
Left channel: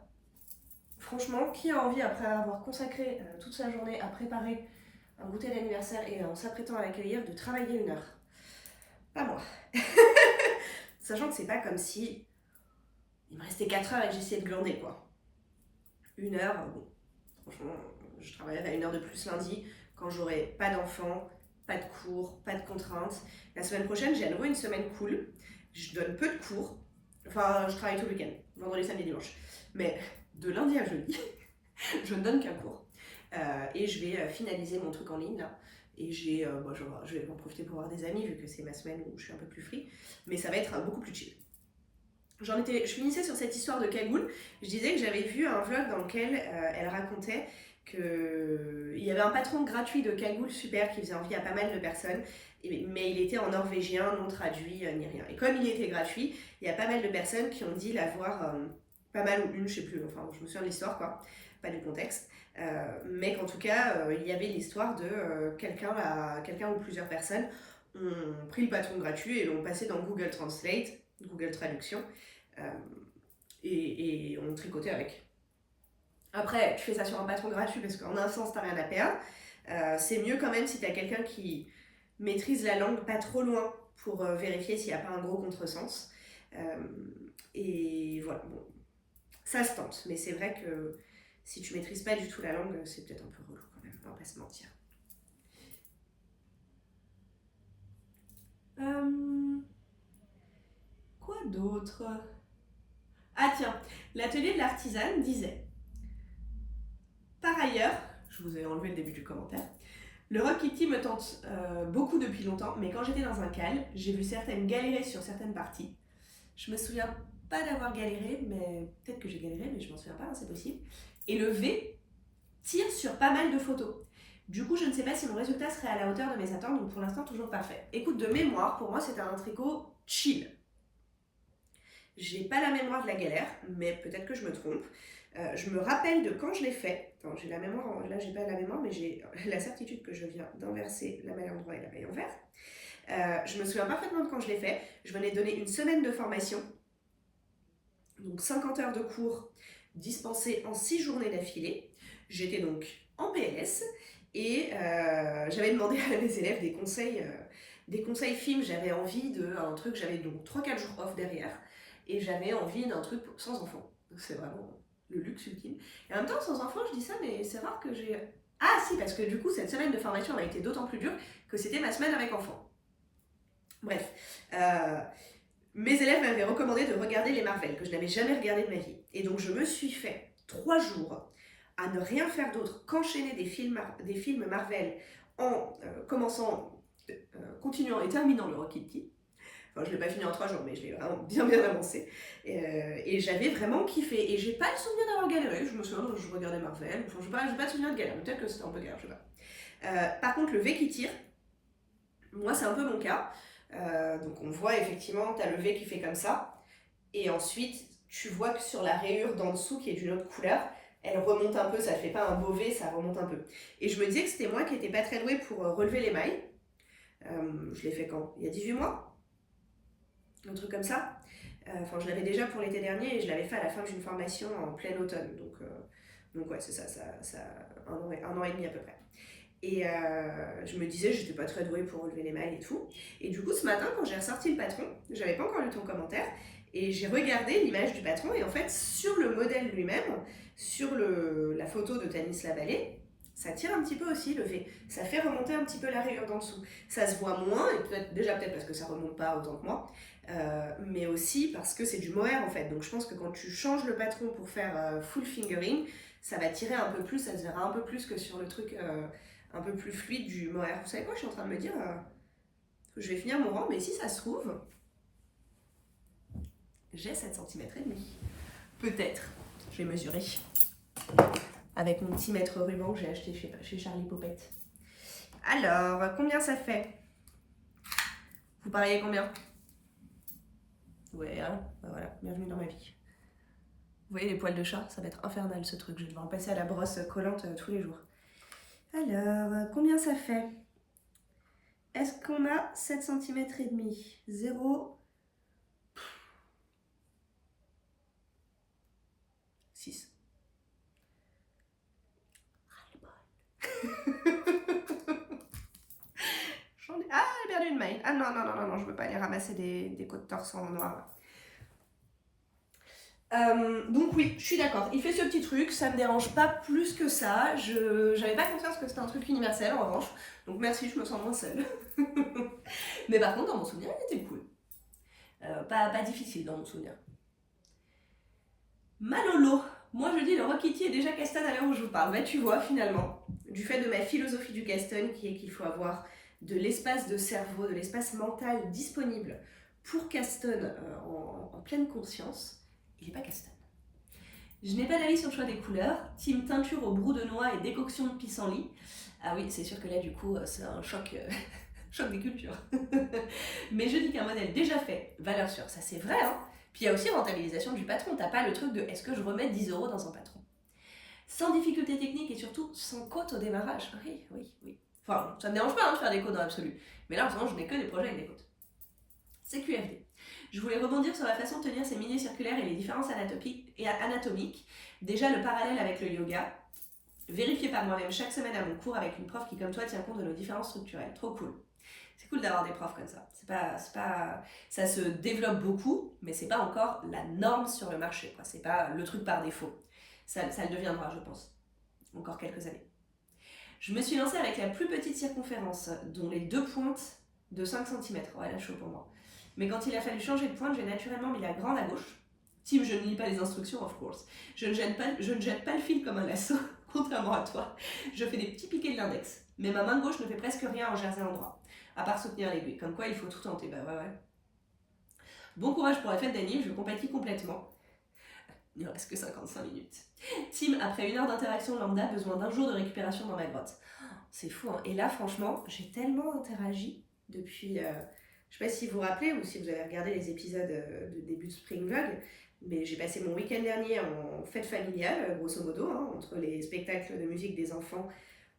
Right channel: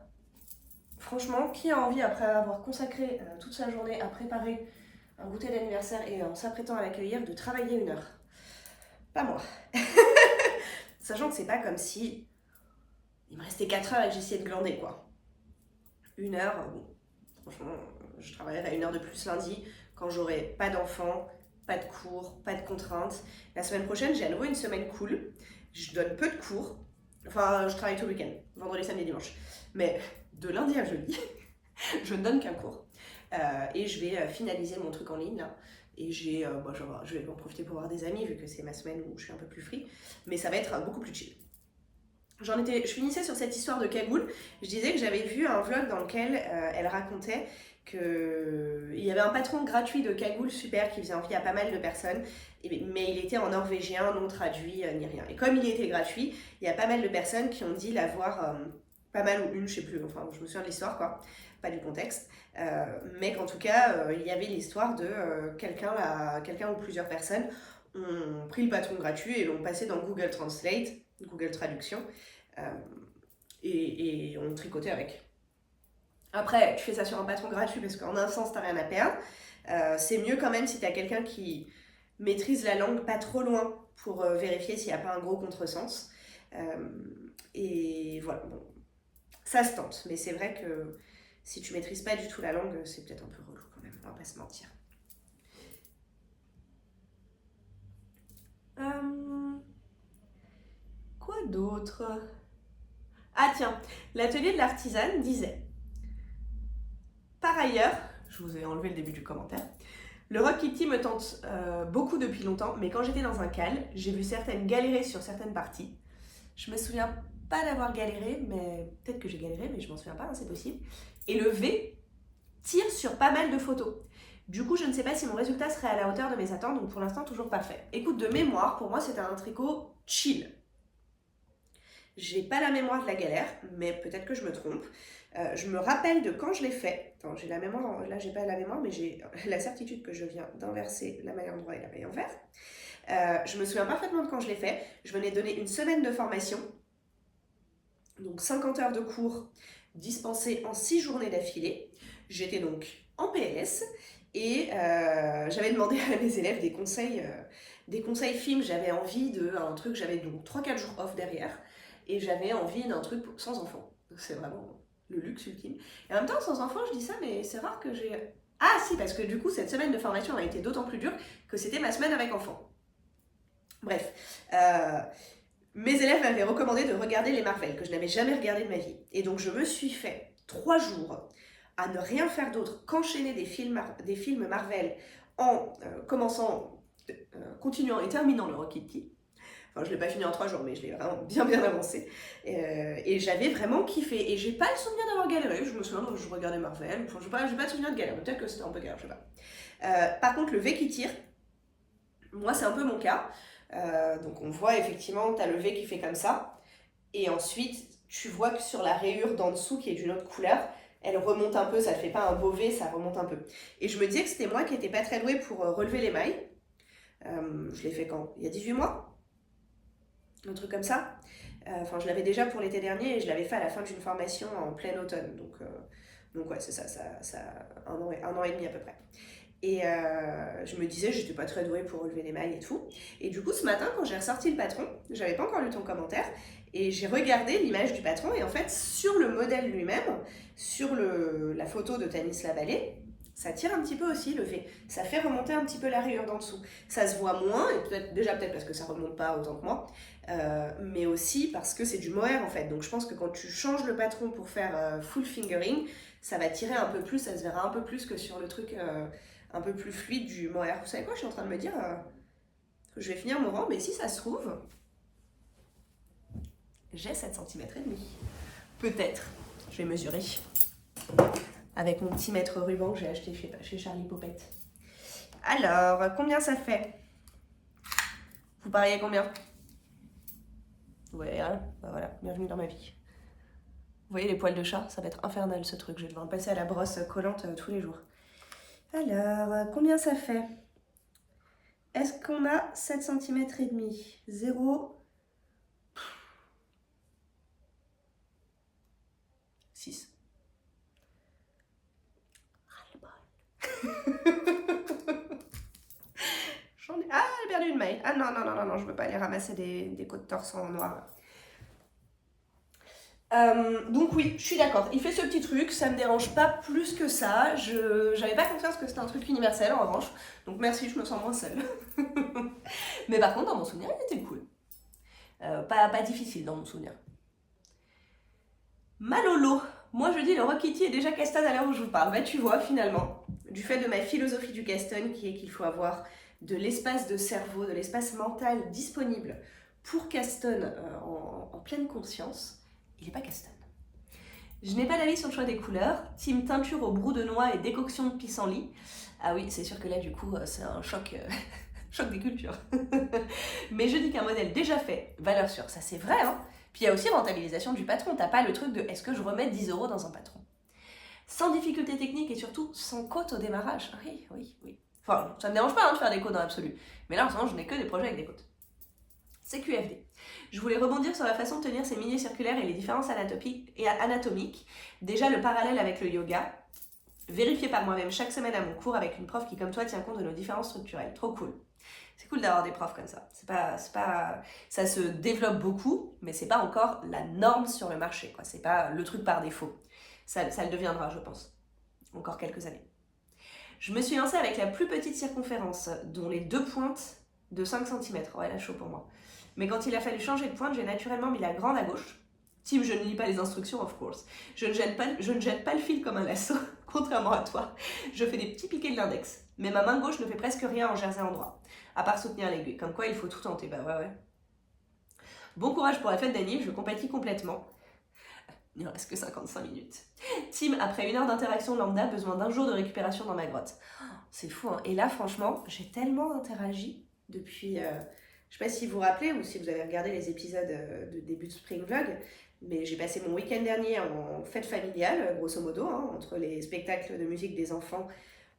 Franchement, qui a envie, après avoir consacré toute sa journée à préparer un goûter d'anniversaire et en s'apprêtant à l'accueillir, de travailler 1 heure? Pas moi. Sachant que c'est pas comme si il me restait 4 heures et que j'essayais de glander, quoi. 1 heure, bon, franchement, je travaillerai 1 heure de plus lundi quand j'aurai pas d'enfants, pas de cours, pas de contraintes. La semaine prochaine, j'ai à nouveau une semaine cool. Je donne peu de cours. Enfin, je travaille tout le week-end, vendredi, samedi, dimanche. Mais de lundi à jeudi, je ne donne qu'un cours. Et je vais finaliser mon truc en ligne là. Et je vais en profiter pour voir des amis vu que c'est ma semaine où je suis un peu plus free. Mais ça va être beaucoup plus chill. Je finissais sur cette histoire de cagoule. Je disais que j'avais vu un vlog dans lequel elle racontait qu'il y avait un patron gratuit de cagoule super qui faisait envie à pas mal de personnes. Mais il était en norvégien, non traduit, ni rien. Et comme il était gratuit, il y a pas mal de personnes qui ont dit l'avoir, pas mal ou une, je sais plus, enfin je me souviens de l'histoire quoi, pas du contexte. Mais qu'en tout cas, il y avait l'histoire de quelqu'un ou plusieurs personnes ont pris le patron gratuit et l'ont passé dans Google Translate, Google Traduction, et ont tricoté avec. Après, tu fais ça sur un patron gratuit parce qu'en un sens, t'as rien à perdre. C'est mieux quand même si t'as quelqu'un qui maîtrise la langue pas trop loin pour vérifier s'il n'y a pas un gros contresens. Et voilà, bon, ça se tente, mais c'est vrai que si tu maîtrises pas du tout la langue, c'est peut-être un peu relou quand même, on va pas se mentir. Quoi d'autre? Ah tiens, l'atelier de l'artisane disait: par ailleurs, je vous ai enlevé le début du commentaire, le Rock Kitty me tente beaucoup depuis longtemps, mais quand j'étais dans un cal, j'ai vu certaines galérer sur certaines parties. Je me souviens pas d'avoir galéré, mais peut-être que j'ai galéré, mais je m'en souviens pas, c'est possible. Et le V tire sur pas mal de photos. Du coup, je ne sais pas si mon résultat serait à la hauteur de mes attentes, donc pour l'instant, toujours pas fait. Écoute, de mémoire, pour moi, c'était un tricot chill. J'ai pas la mémoire de la galère, mais peut-être que je me trompe. Je me rappelle de quand je l'ai fait. Attends, j'ai la mémoire, là j'ai pas la mémoire, mais j'ai la certitude que je viens d'inverser la maille en droit et la maille en vert. Je me souviens parfaitement de quand je l'ai fait. Je venais donner 1 semaine de formation, donc 50 heures de cours dispensés en 6 journées d'affilée. J'étais donc en PLS et j'avais demandé à mes élèves des conseils films. J'avais envie d'un truc, j'avais donc 3-4 jours off derrière et j'avais envie d'un truc sans enfant. Donc c'est vraiment le luxe ultime. Et en même temps, sans enfant, je dis ça, mais c'est rare que j'ai... Ah si, parce que du coup, cette semaine de formation a été d'autant plus dure que c'était ma semaine avec enfant. Bref, mes élèves m'avaient recommandé de regarder les Marvel, que je n'avais jamais regardé de ma vie. Et donc je me suis fait 3 jours à ne rien faire d'autre qu'enchaîner des films Marvel en continuant et terminant le Rocket Kitty. Enfin, je ne l'ai pas fini en 3 jours, mais je l'ai vraiment bien avancé. Et j'avais vraiment kiffé. Et j'ai pas le souvenir d'avoir galéré. Je me souviens que je regardais Marvel. Enfin, j'ai pas le souvenir de galérer. Peut-être que c'était un peu galère, je sais pas. Par contre, le V qui tire, moi, c'est un peu mon cas. Donc, on voit effectivement, tu as le V qui fait comme ça. Et ensuite, tu vois que sur la rayure d'en dessous, qui est d'une autre couleur, elle remonte un peu. Ça ne fait pas un beau V, ça remonte un peu. Et je me disais que c'était moi qui n'étais pas très douée pour relever les mailles. Je l'ai fait quand? Il y a 18 mois? Un truc comme ça. Enfin, je l'avais déjà pour l'été dernier et je l'avais fait à la fin d'une formation en plein automne. Donc ouais, c'est ça, un an et demi à peu près. Et je me disais, j'étais pas très douée pour relever les mailles et tout. Et du coup, ce matin, quand j'ai ressorti le patron, j'avais pas encore lu ton commentaire, et j'ai regardé l'image du patron, et en fait, sur le modèle lui-même, sur la photo de Tanis Lavallée, ça tire un petit peu aussi le V. Ça fait remonter un petit peu la rayure d'en dessous. Ça se voit moins, et peut-être parce que ça remonte pas autant que moi, mais aussi parce que c'est du mohair en fait. Donc je pense que quand tu changes le patron pour faire full fingering, ça va tirer un peu plus, ça se verra un peu plus que sur le truc un peu plus fluide du mohair. Vous savez quoi, je suis en train de me dire que je vais finir mon rang, mais si ça se trouve, j'ai 7 cm et demi. Peut-être. Je vais mesurer. Avec mon petit mètre ruban que j'ai acheté chez Charlie Popette. Alors, combien ça fait? Vous pariez combien? Ouais, hein, bah voilà, bienvenue dans ma vie. Vous voyez les poils de chat? Ça va être infernal ce truc. Je vais devoir me passer à la brosse collante tous les jours. Alors, combien ça fait? Est-ce qu'on a 7 cm et demi? 0. 6. Ah, j'ai perdu une maille. Ah non, je veux pas aller ramasser des côtes de torse en noir. Donc oui, je suis d'accord. Il fait ce petit truc, ça me dérange pas plus que ça. J'avais pas confiance que c'était un truc universel en revanche. Donc merci, je me sens moins seule. Mais par contre, dans mon souvenir, il était cool. Pas difficile dans mon souvenir. Malolo. Moi je dis le Rocket Kitty est déjà Caston à l'heure où je vous parle. Bah tu vois finalement, du fait de ma philosophie du Caston qui est qu'il faut avoir de l'espace de cerveau, de l'espace mental disponible pour Caston en pleine conscience, il n'est pas Caston. Je n'ai pas d'avis sur le choix des couleurs. Team teinture au brou de noix et décoction de pissenlit. Ah oui, c'est sûr que là du coup c'est un choc, choc des cultures. Mais je dis qu'un modèle déjà fait, valeur sûre, ça c'est vrai hein. Puis il y a aussi rentabilisation du patron. T'as pas le truc de est-ce que je remets 10 € dans un patron? Sans difficulté technique et surtout sans côte au démarrage. Oui. Enfin, ça me dérange pas hein, de faire des côtes dans l'absolu. Mais là en ce moment, je n'ai que des projets avec des côtes. C'est QFD. Je voulais rebondir sur la façon de tenir ces milieux circulaires et les différences anatomiques. Déjà le parallèle avec le yoga. Vérifié par moi-même chaque semaine à mon cours avec une prof qui comme toi tient compte de nos différences structurelles. Trop cool. C'est cool d'avoir des profs comme ça. Ça se développe beaucoup, mais c'est pas encore la norme sur le marché, quoi. C'est pas le truc par défaut. Ça le deviendra, je pense. Encore quelques années. Je me suis lancée avec la plus petite circonférence, dont les 2 pointes de 5 cm. Ouais, là, chaud pour moi. Mais quand il a fallu changer de pointe, j'ai naturellement mis la grande à gauche. Team, je ne lis pas les instructions, of course. Je ne jette pas le fil comme un lasso, contrairement à toi. Je fais des petits piquets de l'index. Mais ma main gauche ne fait presque rien en jersey endroit. À part soutenir l'aiguille. Comme quoi, il faut tout tenter. Bah ouais. Bon courage pour la fête d'Annie, je compatis complètement. Il ne reste que 55 minutes. Team, après 1 heure d'interaction lambda, besoin d'1 jour de récupération dans ma grotte. C'est fou, hein. Et là, franchement, j'ai tellement interagi depuis... je sais pas si vous vous rappelez ou si vous avez regardé les épisodes de début de Spring Vlog, mais j'ai passé mon week-end dernier en fête familiale, grosso modo, hein, entre les spectacles de musique des enfants,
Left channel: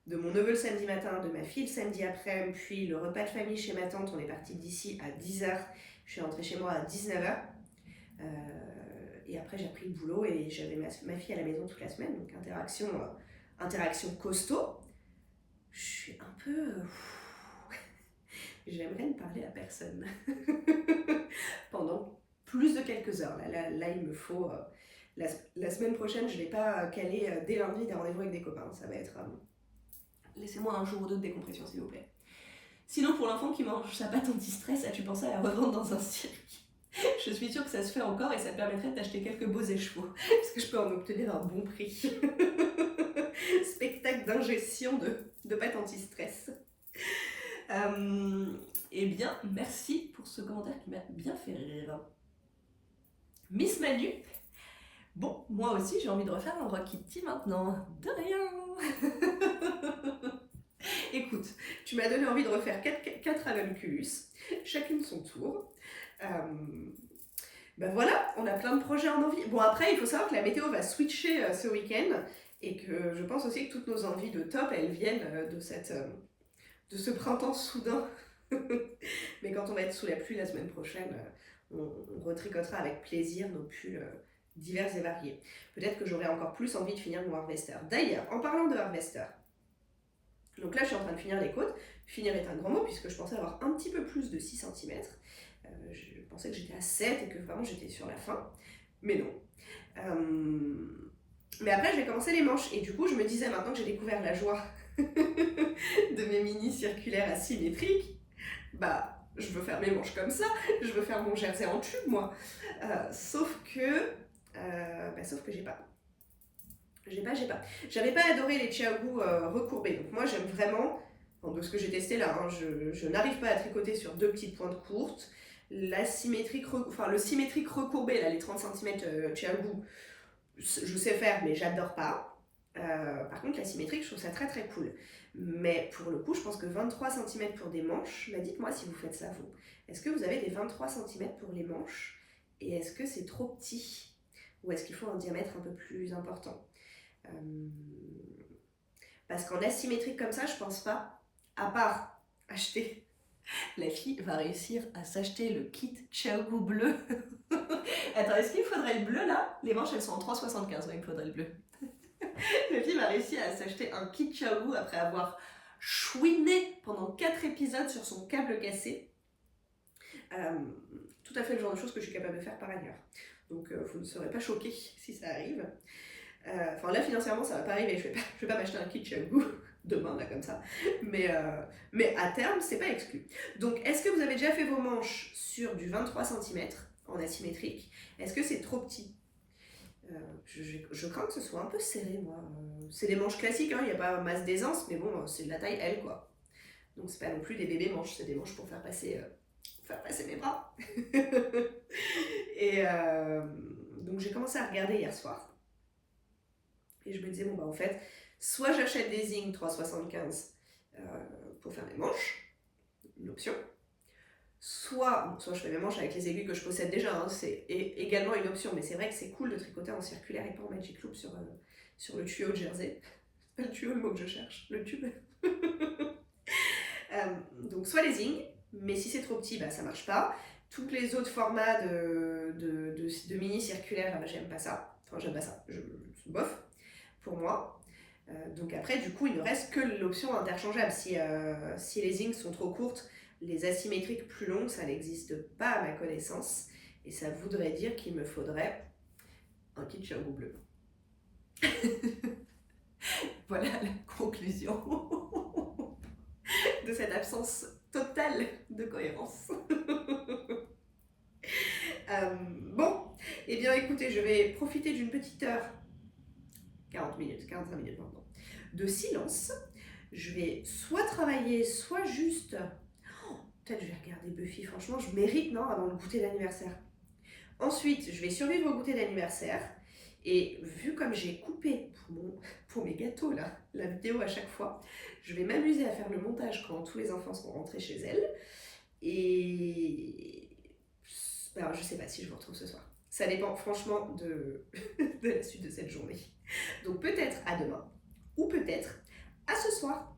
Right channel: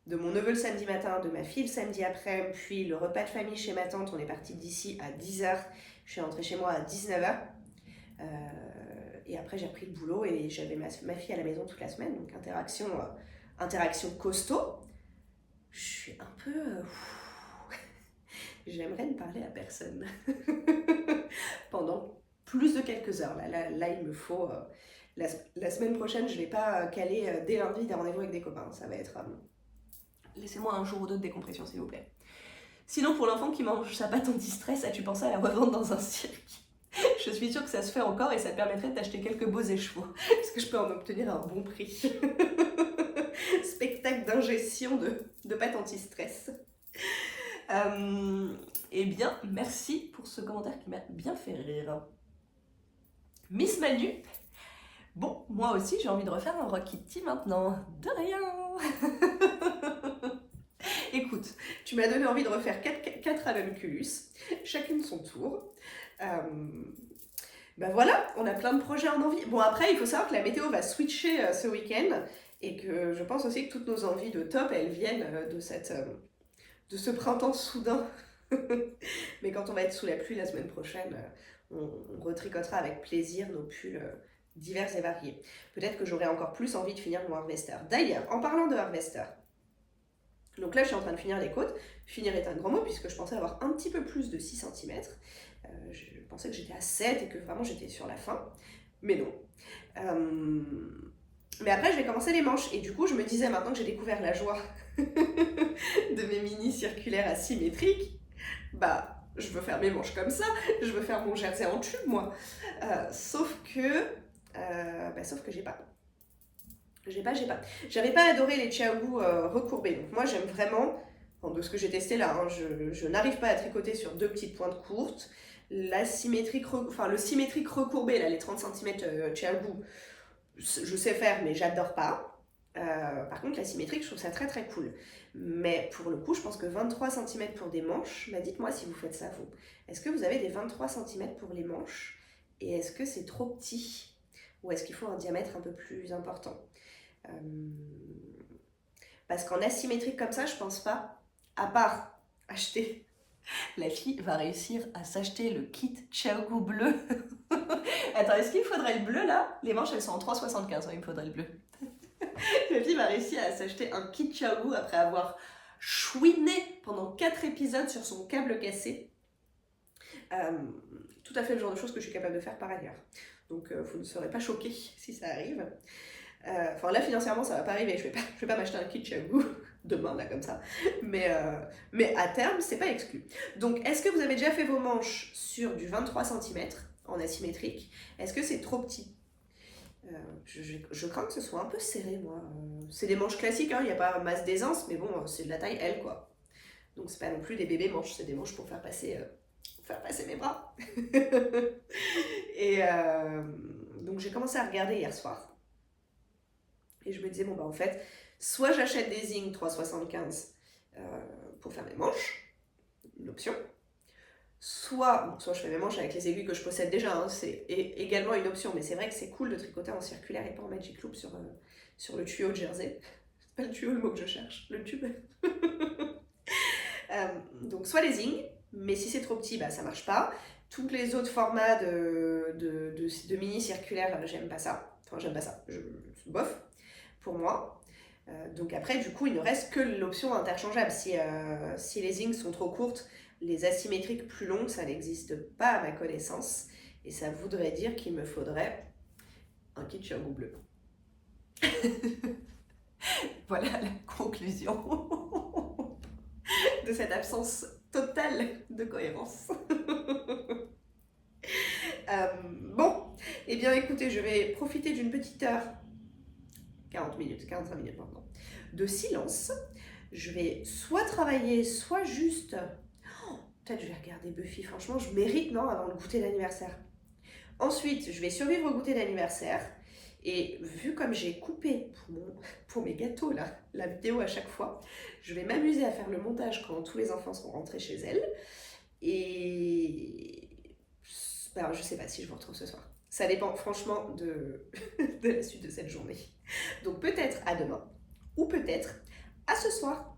de mon neveu le samedi matin, de ma fille le samedi après, puis le repas de famille chez ma tante. On est parti d'ici à 10h, je suis rentrée chez moi à 19h. Et après j'ai repris le boulot et j'avais ma fille à la maison toute la semaine, donc interaction costaud. Je suis un peu... J'aimerais ne parler à personne pendant plus de quelques heures. Là il me faut... la semaine prochaine, je ne vais pas caler dès lundi des rendez-vous avec des copains. Ça va être... laissez-moi 1 jour ou 2 de décompression, s'il vous plaît. Sinon, pour l'enfant qui mange sa pâte anti-stress, as-tu pensé à la revendre dans un cirque? Je suis sûre que ça se fait encore et ça te permettrait d'acheter quelques beaux écheveaux. Parce que je peux en obtenir un bon prix. Spectacle d'ingestion de pâte anti-stress. Eh bien, merci pour ce commentaire qui m'a bien fait rire. Miss Manu. Bon, moi aussi j'ai envie de refaire un Rock Kitty maintenant. De rien. Écoute, tu m'as donné envie de refaire 4 Avalculus, chacune son tour. Ben voilà, on a plein de projets en envie. Bon, après, il faut savoir que la météo va switcher ce week-end et que je pense aussi que toutes nos envies de top, elles viennent de ce printemps soudain. Mais quand on va être sous la pluie la semaine prochaine, on retricotera avec plaisir nos pulls divers et variés. Peut-être que j'aurai encore plus envie de finir mon harvester. D'ailleurs, en parlant de harvester, donc là je suis en train de finir les côtes. Finir est un grand mot puisque je pensais avoir un petit peu plus de 6 cm. Je pensais que j'étais à 7 et que vraiment j'étais sur la fin. Mais non. Mais après je vais commencer les manches et du coup je me disais maintenant que j'ai découvert la joie de mes mini circulaires asymétriques, bah je veux faire mes manches comme ça, je veux faire mon jersey en tube moi. Sauf que j'ai pas. J'avais pas adoré les Chiaogu recourbés. Donc moi j'aime vraiment, de ce que j'ai testé là, hein, je n'arrive pas à tricoter sur 2 petites pointes courtes. Le symétrique recourbé, là, les 30 cm Chiaogu, je sais faire mais j'adore pas. Par contre la symétrique je trouve ça très très cool. Mais pour le coup je pense que 23 cm pour des manches, bah dites-moi si vous faites ça vous. Est-ce que vous avez des 23 cm pour les manches? Et est-ce que c'est trop petit? Ou est-ce qu'il faut un diamètre un peu plus important? Parce qu'en asymétrique comme ça, je pense pas, à part acheter. La fille va réussir à s'acheter le kit Chiaogu bleu. Attends, est-ce qu'il faudrait le bleu là? Les manches elles sont en 3,75, ouais, il me faudrait le bleu. La fille va réussir à s'acheter un kit Chiaogu après avoir chouiné pendant 4 épisodes sur son câble cassé. Tout à fait le genre de choses que je suis capable de faire par ailleurs. Donc vous ne serez pas choqués si ça arrive. Enfin là financièrement ça va pas arriver, je vais pas m'acheter un kit Chiaogu demain là comme ça. Mais à terme c'est pas exclu. Donc est-ce que vous avez déjà fait vos manches sur du 23 cm en asymétrique? Est-ce que c'est trop petit? Je crains que ce soit un peu serré moi. C'est des manches classiques, il n'y a pas masse d'aisance, mais bon c'est de la taille L quoi. Donc c'est pas non plus des bébés manches, c'est des manches pour faire passer mes bras. Et donc j'ai commencé à regarder hier soir. Et je me disais, bon bah en fait, soit j'achète des Zing 3,75 pour faire mes manches, une option, soit je fais mes manches avec les aiguilles que je possède déjà, hein, c'est également une option, mais c'est vrai que c'est cool de tricoter en circulaire et pas en Magic Loop sur le tuyau de jersey. C'est pas le tuyau le mot que je cherche, le tube. Donc soit les Zing, mais si c'est trop petit, bah ça marche pas. Tous les autres formats de mini circulaire, j'aime pas ça. Enfin, j'aime pas ça, bof, pour moi. Donc après, du coup, il ne reste que l'option interchangeable. Si les Zing sont trop courtes, les asymétriques plus longues, ça n'existe pas à ma connaissance. Et ça voudrait dire qu'il me faudrait un kit Chiaogu bleu. Voilà la conclusion de cette absence totale de cohérence. Bon, eh bien écoutez, je vais profiter d'une petite heure, 45 minutes maintenant, de silence. Je vais soit travailler, soit juste... peut-être je vais regarder Buffy, franchement, je mérite, non, avant le goûter d'anniversaire. Ensuite, je vais survivre au goûter d'anniversaire. Et vu comme j'ai coupé pour mes gâteaux, là, la vidéo à chaque fois, je vais m'amuser à faire le montage quand tous les enfants seront rentrés chez elles. Et... alors, je sais pas si je vous retrouve ce soir. Ça dépend franchement de la suite de cette journée. Donc peut-être à demain, ou peut-être à ce soir.